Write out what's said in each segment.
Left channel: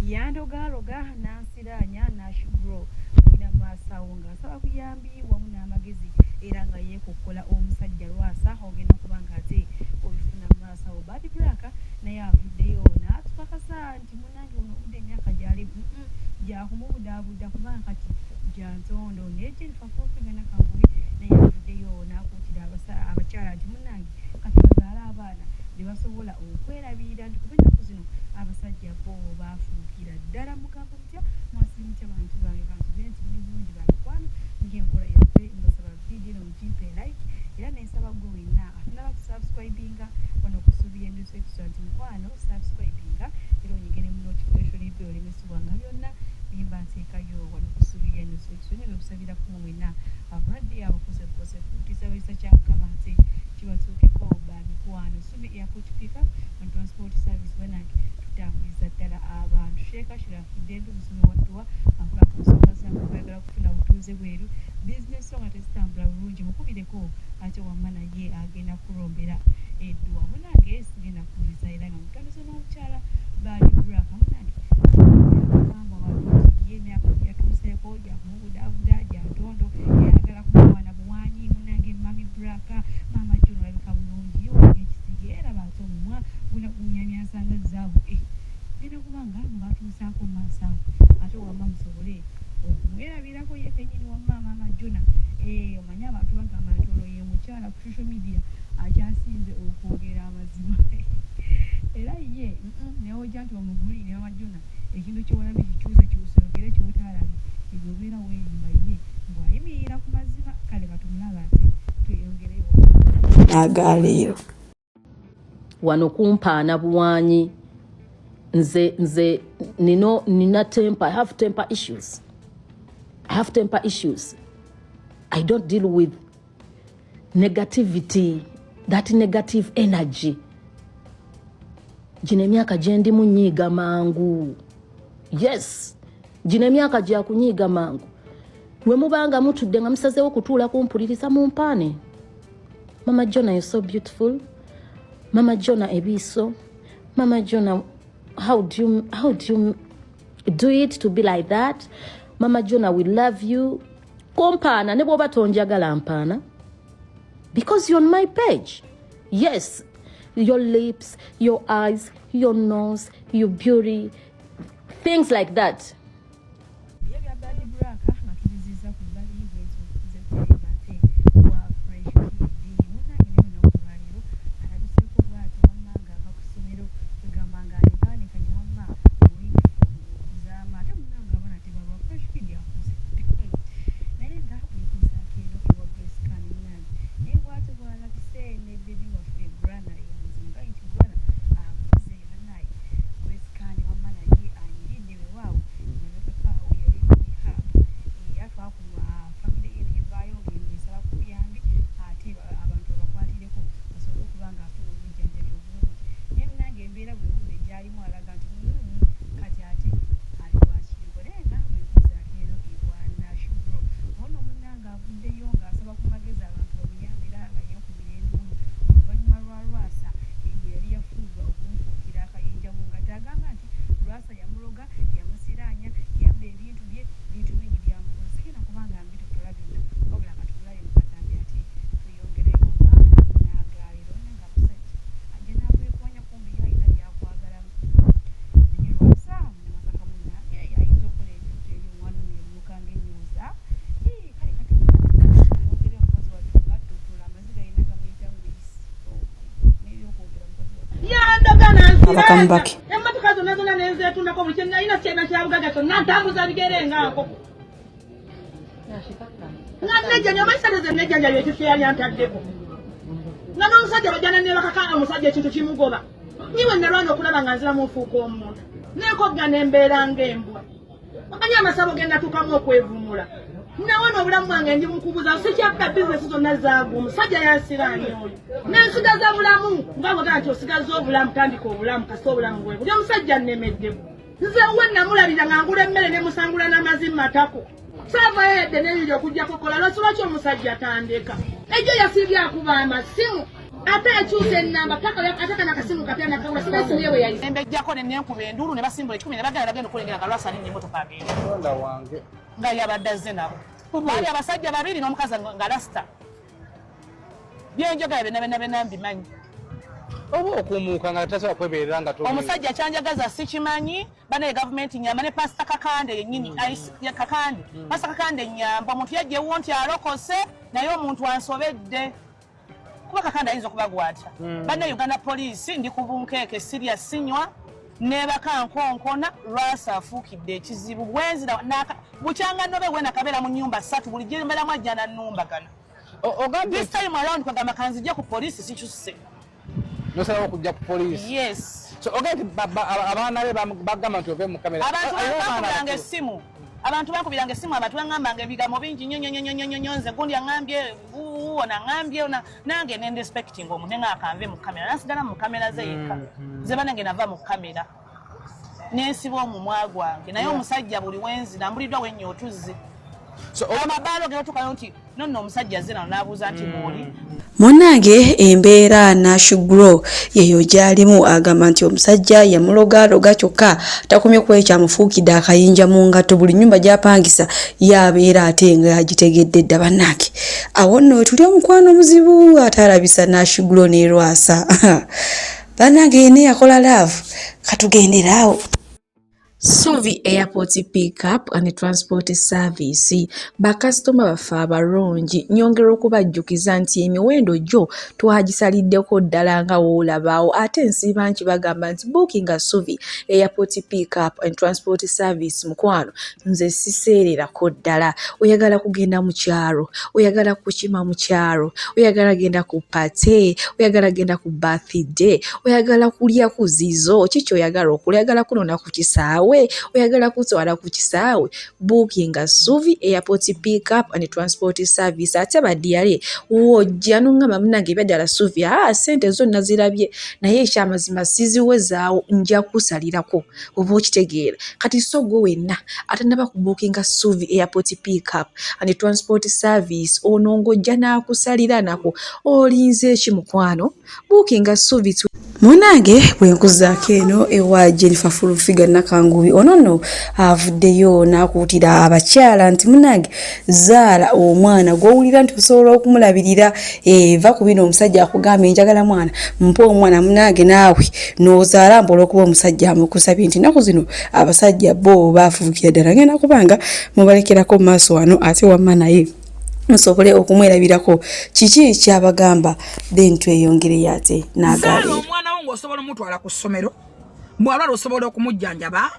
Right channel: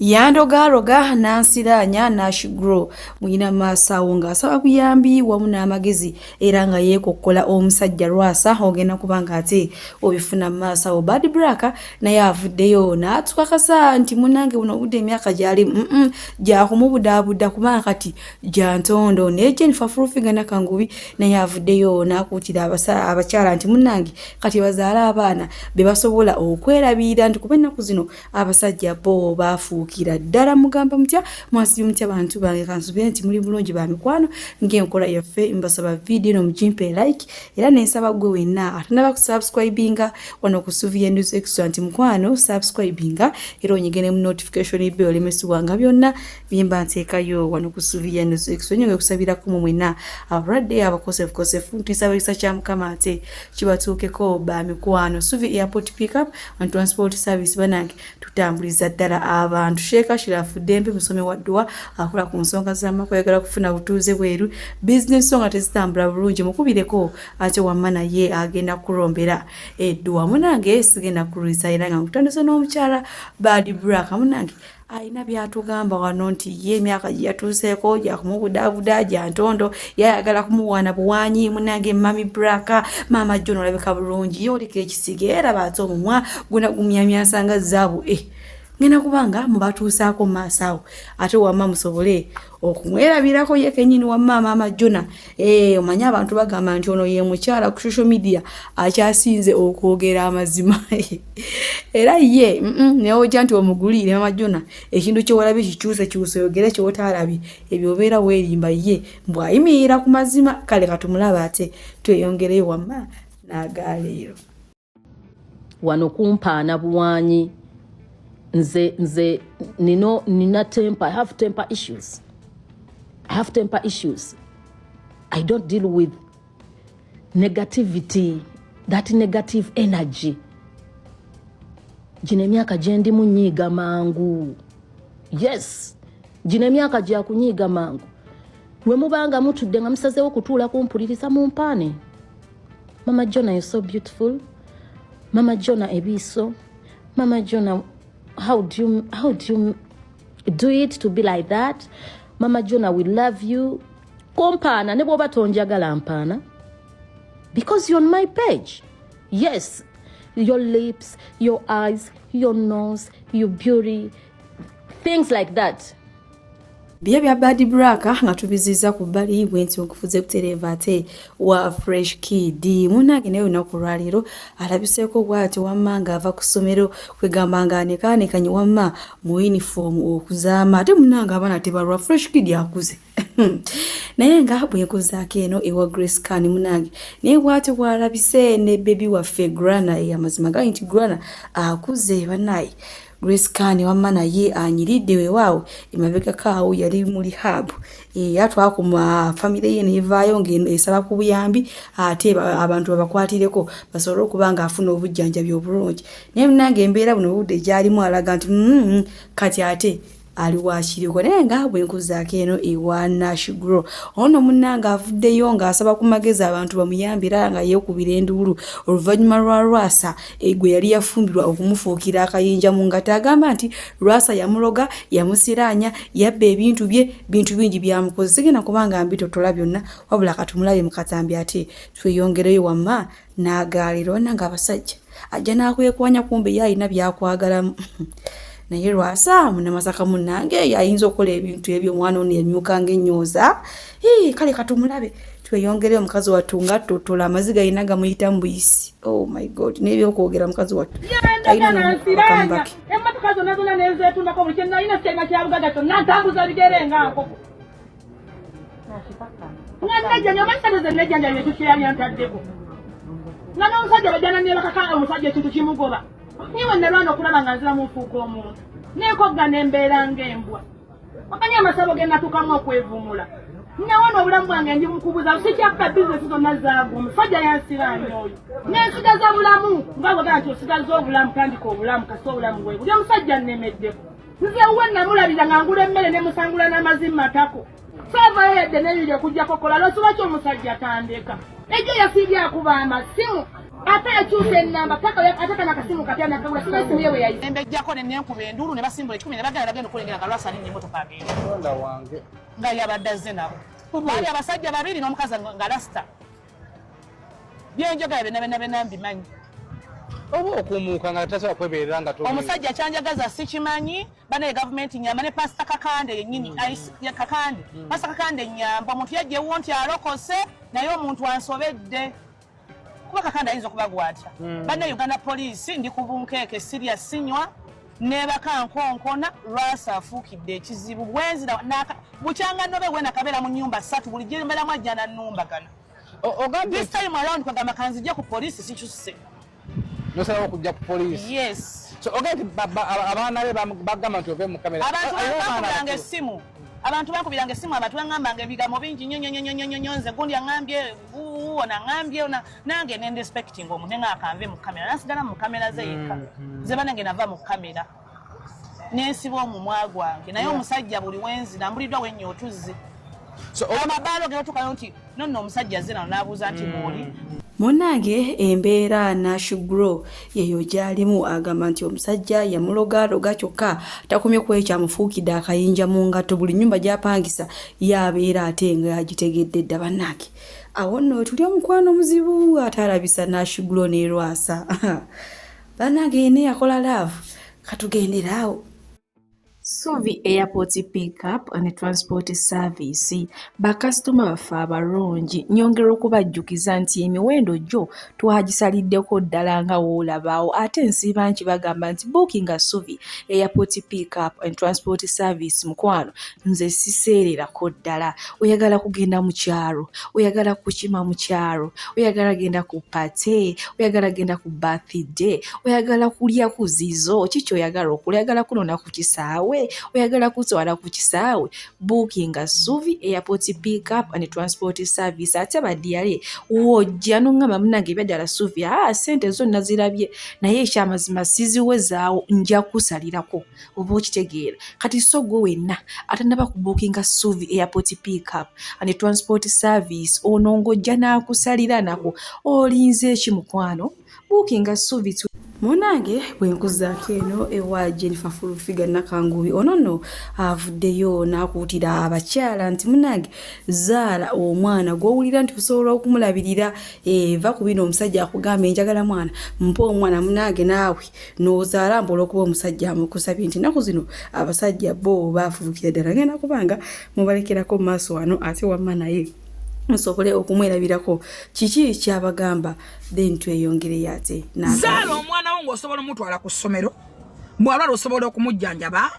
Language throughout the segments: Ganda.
Yandogaroga nansiranya nashigro mwina masawo ng'asaba buyambi wamu n'amagezi era nga yeekokkola omusajja Lwasa ogenda kubanga ate obifuna masawo Bad Black naye avuddeyo n'atukakasa nti munnange buno obudde emyaka gyali gyakumubudaabuda kubanga kati gyantondo ne Jennifer Fulfinger Nakangubi naye avuddeyo n'akuutira abakyala nti munnange kati bazaala abaana be basobola okwerabirira nti kuba ennaku zino abasajja bo bafuukira ddala mugamba mutya mwasibi mutya bantu bange kansubire nti muli bulungi ba mikwano ng'enkola yaffe mbasaba video no mujimpe like era nensaba gwe wenna atanaba kusubscribinga wano ku Suvia News Extra nti mukwano subscribinga era onyigene mu notification bell lemesibwanga byonna bimba nteekayo wano ku Suvia News Extra nyonge kusabira ku mumwena abalwadde abakosefu ntisabisa kya mukama ate kibatuukeko ba mikwano Suvi Airport Pickup and Transport Service banange tutambuliza ddala abantu Sheikh Shirafu Dembe musome wa dua akola ku nsonga z'amakwegala kufuna butuuze bweru business songa tezitambula bulungi mukubireko ate wamana ye agenda kurombera edduwa munange sigenda kuruza era nga nkutandise n'omukyala Bad Black munange alina byatugamba wano nti ye emyaka yatuuseeko gyakumubudaabuda gyantondo yayagala kumuwaana buwanyi munange Mami Black Mama John olabika bulungi yoleka ekisige era baate omumwa guna gumyamyasanga zaabu ngena kubanga mubatuusaako maasawo ate wamma musobole okumwerabirako ye kenyini wamma Mama Jona omanya abantu bagamba nti ono ye mukyala ku social media akyasinze okwogera amazima era ye neojja nti omugulire Mama Jona ekintu kyewalabi kikyuse oyogere kyotalabi ebyo obeera weerimba ye mbwayimirira ku mazima kale katumulaba ate tweyongereyo wamma n'agaleero wano kumpaana buwanyi nze nina temper. I have temper issues. I don't deal with negativity, that negative energy. Jine myaka jendi munyiga mangu. Yes. Jine myaka jya kunyiga mangu. Mwe mubanga mutudde nga musazeewo kutuula kumpuliriza mumpaane. Mama Jona, you're so beautiful. Mama Jona ebiso. Mama Jona, how do you do it to be like that? Mama Jona, we love you. Kompana ne bwoba tonjagala mpana. Because you're on my page. Yes, your lips, your eyes, your nose, your beauty, things like that. Bya Bad Black nga tubiziza ku bali bwenti okufuze kutereva ate wa Fresh Kid munange nayo nakulwaliro alabiseko bwati wamanga ava kusomero kwegamba ngane kanyi wamma mu uniform okuzaama ate munanga abana tebalwa Fresh Kid yakuze naye nga bwekuzaako eno ewa Grace Khan munange naye bwati bwalabise ne baby waffe Grana ey'amazima gali nti Grana akuze banayi Grace Khan wamma naye anyiridde weewaawo emabega kaawo yali mu rehab yatwako mu family ye nevaayo ngeno esaba ku buyambi ate abantu babakwatireko basobole okubanga afuna obujjanjabi obulungi naye munange embeera buno budde gyalimu alaga nti kati ate ali wakiriko naye nga bwenkuzaako eno ewa Nashigro ono munnanga avuddeyo ng'asaba ku magezi abantu bamuyambira nga yeekubira enduulu oluvannyuma lwa Lwasa gwe yali yafumbirwa okumufuukira akayinja mu ngata agamba nti Lwasa yamuloga yamusiraanya yabba ebintu bye bintu bingi byamukoze sigenda kubanga mbitotola byonna wabula katumulabe mu katambi ate tweyongereyo wamma n'agaaliro nanga abasajja ajja n'akwekwanya kumbe ye alina byakwagalamu naye Lwasa munamasaka munnange yayinza okukola ebintu ebyo omwana ono yamyuka ng'ennyoza kale katumulabe tweyongereyo omukazi wattu nga totola amaziga alina gamuyita mu buyisi. Oh my God, n'ebyokwogera mukazi wattu emmotoka zonna zonna nezeetundako buli kye nalina kyalina kyabugaga kyonna ntambuza bigere nga nkoko nga nejjanja omayisa ze nejjanja ekyo kye yali antaddeko nga n'omusajja bajjana ne bakaka omusajja ekintu kimugoba niwe nalwana okulaba nga nziramu ofuuka omuntu n'enkogga n'embeera ng'embwa omanyi amasabo ge natuukamu okwevumula nawona obulamu bwange ndi mukubuza sikyappa bizinesi zonna zaago omusajja yansiraanya oyo n'ensigaza bulamu nga bwegala nti osigaza obulamu tandika obulamu kasi obulamu bwe buli omusajja nnemeddeko nze uwe namulabira nga ngula emmere ne musangula n'amazima matako saavayo edde n'ebiri okugjako kola lwaki omusajja atandeka ejjo yasibye akuba amasimu ate ekyuse ennamba ateka nakasimu kapya nakagula siba esimu ye bwe yayise embejjako nenenkuba endulu ne basimbula 10 ne bagenda okulengera kalwasa nini emmotoka agenda wange nga yabadde azze nabo baali abasajja babiri n'omukazi nga lasita byenjogera bena mbimanyi oba okumuuka nga tasobola kwebeerera nga omusajja kyanjagaza sikimanyi banaye gavumenti nyamba ne pasita kakande yennyini kakande pasita kakande nyamba omuntu yajjewo nti alokose naye omuntu ansobedde kuba kakande ayinza okuba atya banaye Uganda poliisi ndi ku bunkeeke sirya sinywa nebaka nkonkona lwasa afuukidde ekizibu bwenzira bukyanga nobe wena kabeera mu nnyumba 3 buli gye mbeeramu ajja nannumbagana this time around kwagamba kanzijja ku poliisi sikyuse nosalawo okujja ku poliisi yes so ogenti abaana be bagamba nti ove mu kamera abantu bakubiranga essimu abantu baŋŋambanga ebigambo bingi nnyo nze gundi aŋŋambye ona aŋŋambye ona nange nendespecting omuntu ngaakanve mu kamera nasigala mu kamera ze yekka ze banange nava mu kamera nensiba omumwa gwange naye omusajja buli wenzi nambuliddwa wennya otuzze amabaalo geotukayo nti nonno omusajja azze nano n'abuuza nti mwoli Munange embeera Nashigro yeyo gyalimu agamba nti omusajja yamulogaloga kyokka takomye kuba ekyamufuukidde akayinja mu ngatto buli nnyumba gy'apangisa yabeera ate nga yagitegedde dda bannange awo nno tuli omukwano muzibu atalabisa Nashigro ne Lwasa bannange ne yakola love katugenderaawo Suvi Airport Pickup and Transport Service bakasitoma bafe abalungi nyongera okubajjukiza nti emiwendo gyo twagisaliddeko ddala nga woolabaawo ate nsiiba nti bagamba nti booking a Suvi Airport Pickup and Transport Service mukwano nze siseererako ddala oyagala kugenda mu kyalo oyagala kukima mu kyalo oyagala genda ku pate oyagala genda ku birthday oyagala kulya ku zizo kiki oyagala okulya oyagala kunona ku kisaawe oyagala kutwala ku kisaawe booking a Suvi Airport Pickup and Transport Service ate badiyale wojja n'ongamba munange byadala Suvi sente zonna zirabye naye ekyamazima siziwezaawo nja kusalirako oba okitegeera kati so gwe wenna atanaba ku booking a Suvi Airport Pickup and Transport Service ono ng'ojja n'akusalira nako olinze ekimukwano booking a Suvi Munange bwenkuzaako eno ewa Jennifer Fulufiga Nakangubi ono nno avuddeyo n'akuutira abakyala nti munange zaala omwana gw'owulira nti osobola okumulabirira va ku bino omusajja akugamba njagala mwana mpa omwana munange naawe n'ozaala mpola okuba omusajja amukusabye nti nnaku zino abasajja bo baafubukira ddala ngenda kubanga mubalekerako mu maaso wano ate wamma naye musobole okumwerabirako kiki kyabagamba then tweyongere ate zaala omwana wo ng'osobola omutwala ku ssomero bw'alwala osobola okumujjanjaba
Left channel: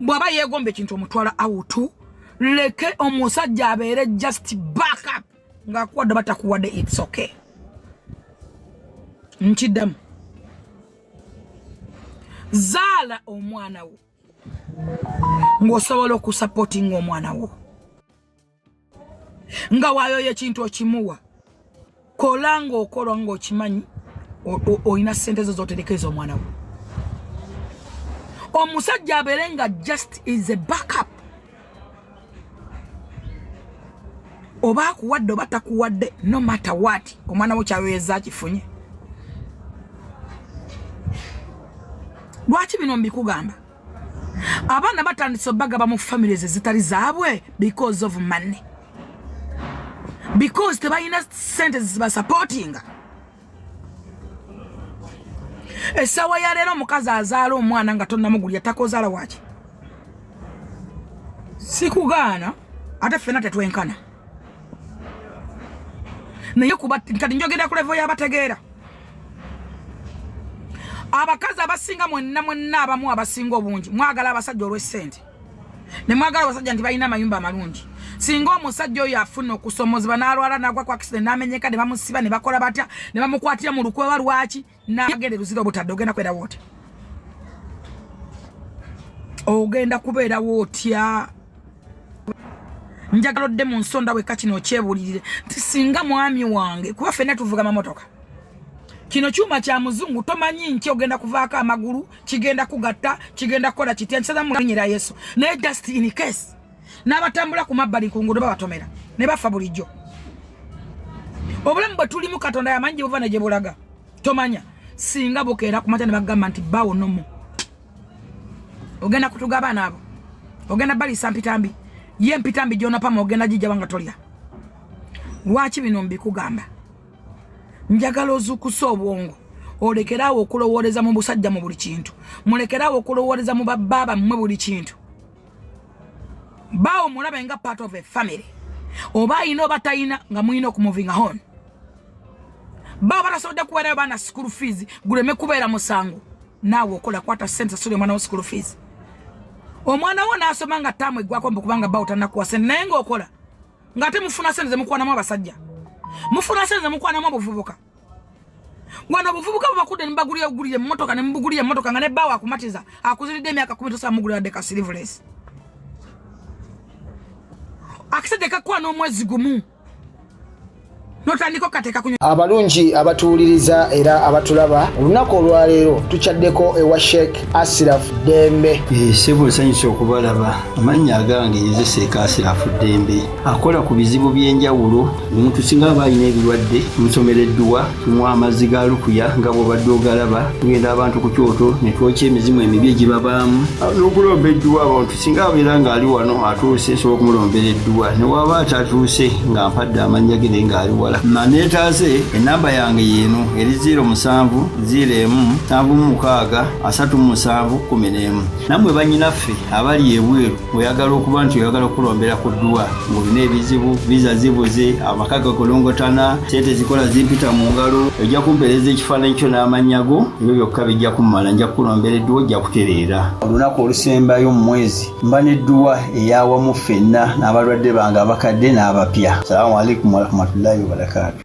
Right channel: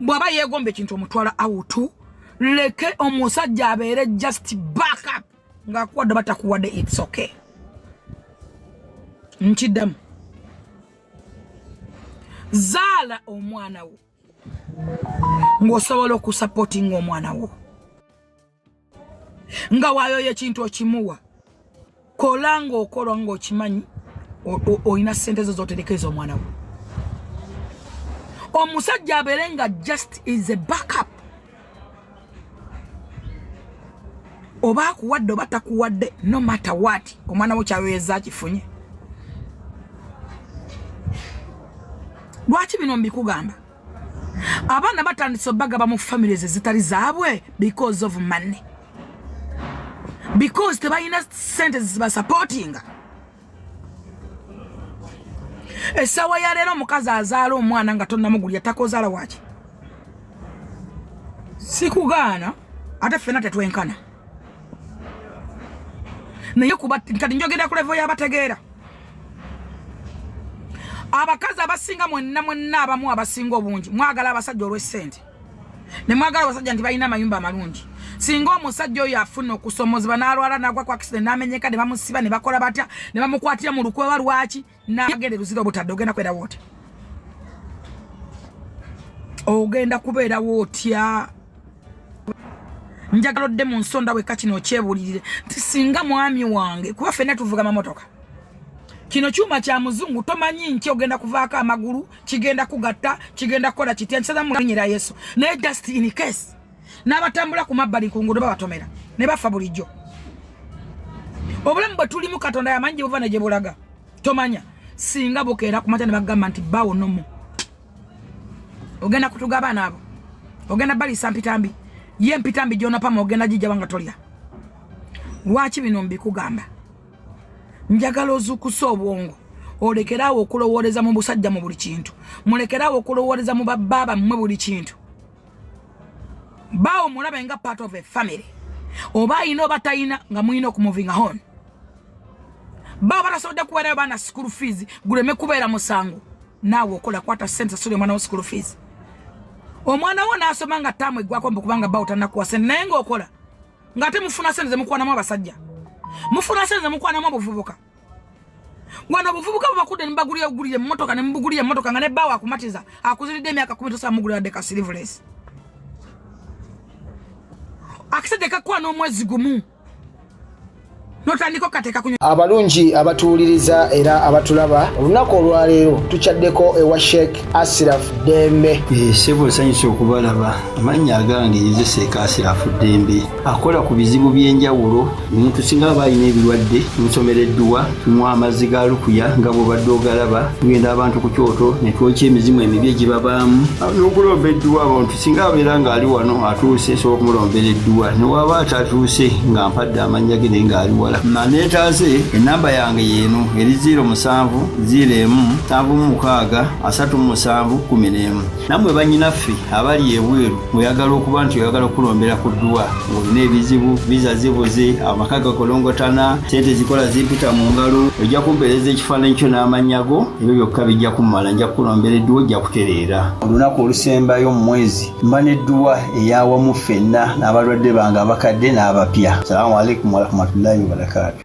bw'aba yeegomba ekintu omutwala awutu leke omusajja abeere just backup ng'akuwadde batakuwadde it's okay nkiddamu zaala omwana wo ng'osobola okusapootinga omwana wo nga waayoyo ekintu okimuwa kola ng'okolwa ng'okimanyi olina ssente zo z'oterekeza omwana wo omusajja abeere nga just is a backup oba akuwadde oba takuwadde no matter what omwana wo kyaweeza kifunye lwaki bino mbikugamba abaana batandise bagaba mu families ezitali zaabwe because of money because tebalina sente zibasupportinga essawa ya leero omukazi azaala omwana nga tonnamugulya takozaala waki sikugaana ate ffena tetwenkana naye kuba kati njogera ku levo y'abategeera abakazi abasinga mwenna abamu abasinga obungi mwagala abasajja olw'essente ne mwagala abasajja nti balina amayumba amalungi singa omusajja oyo afuna okusomozebwa n'alwala n'agwa ku accident n'amenyeka ne bamusiba ne bakola batya ne bamukwatira mu lukwewa lwaki n'agenda ruzira obutadde ogenda kwerawo otya ogenda kubeerawo otya njagala odde mu nsonda wekka kino okyebulirire nti singa mwami wange kuba ffenna tuvuga mamotoka kino kyuma kya muzungu tomanyi nti ogenda kuvaako amagulu kigenda kugatta kigenda kukola kitya nkisaza mu linnya lya Yesu naye just in case n'abatambula ku mabbali ku nguudo babatomera ne bafa bulijjo obulamu bwe tulimu Katonda yamanyi gye buva ne gye bulaga tomanya singa bokeera kumata ne bagamba nti bawo nomo ogenda kutugaba nabo ogenda bali sampitambi ye mpitambi jona pama ogenda jija wanga tolya lwaki bino mbikugamba njagala ozukusa obwongo olekerawo okulowooleza mu busajja mu buli kintu mulekerawo okulowooleza mu bababa mmwe buli kintu bawo mulabe nga part of a family oba ino batayina nga mwino okumoving on baba batasobodde kuweerayo baana school fees guleme kubeera musango naawe okola kwata sente sule mwana wo school fees omwana wo naasoma nga ttaamu eggwako mbu kubanga bawo tannakuwa sente naye ng'okola ng'ate mufuna sente ze mukwanamu abasajja mufuna sente ze mukwanamu obuvubuka wano obuvubuka bubakudde nibagulira emmotoka ne mubugulira emmotoka nga ne bawo akumatiza akuziridde emyaka 10 tosa mugulira deka silverless akisede kakwa n'omwezi gumu notandiko kateka kunyo abalungi abatuuliriza era abatulaba olunaku olwaleero tuchaddeko ewa Sheikh Ashraf Dembe sebo sanyusa okubalaba amannya agange Yozeseeka Ashraf Dembe akola ku bizibu by'enjawulo omuntu singa abalina ebirwadde musomereddwa tumwa amazzi ga lukuya nga bw'obadde ogalaba tugenda abantu ku kyoto ne twokya emizimu emibi egibabaamu n'okulomba edduwa abantu singa abeera ng'ali wano atuuse sobola okumulombera edduwa ne waba atatuuse nga mpadde amannya ge naye ng'ali wala manetaze enamba yange yeno eri 0707363711 namwe banyinaffe abali ebweru oyagala okuba nti oyagala okulombera ku dduwa ng'olina ebizibu viza zibuze amaka gakolongotana sente zikola zimpita mu ngalo ojja kumpeereza ekifaananyi kyo n'amanyago ebyo byokka bijja kummala nja kukulombera edduwa ojja kutereera olunaku olusembayo mu mwezi mba n'edduwa eyawamu ffenna n'abalwadde bange abakadde n'abapya. Salaamu alaikum warahmatullahi wabarakatuh.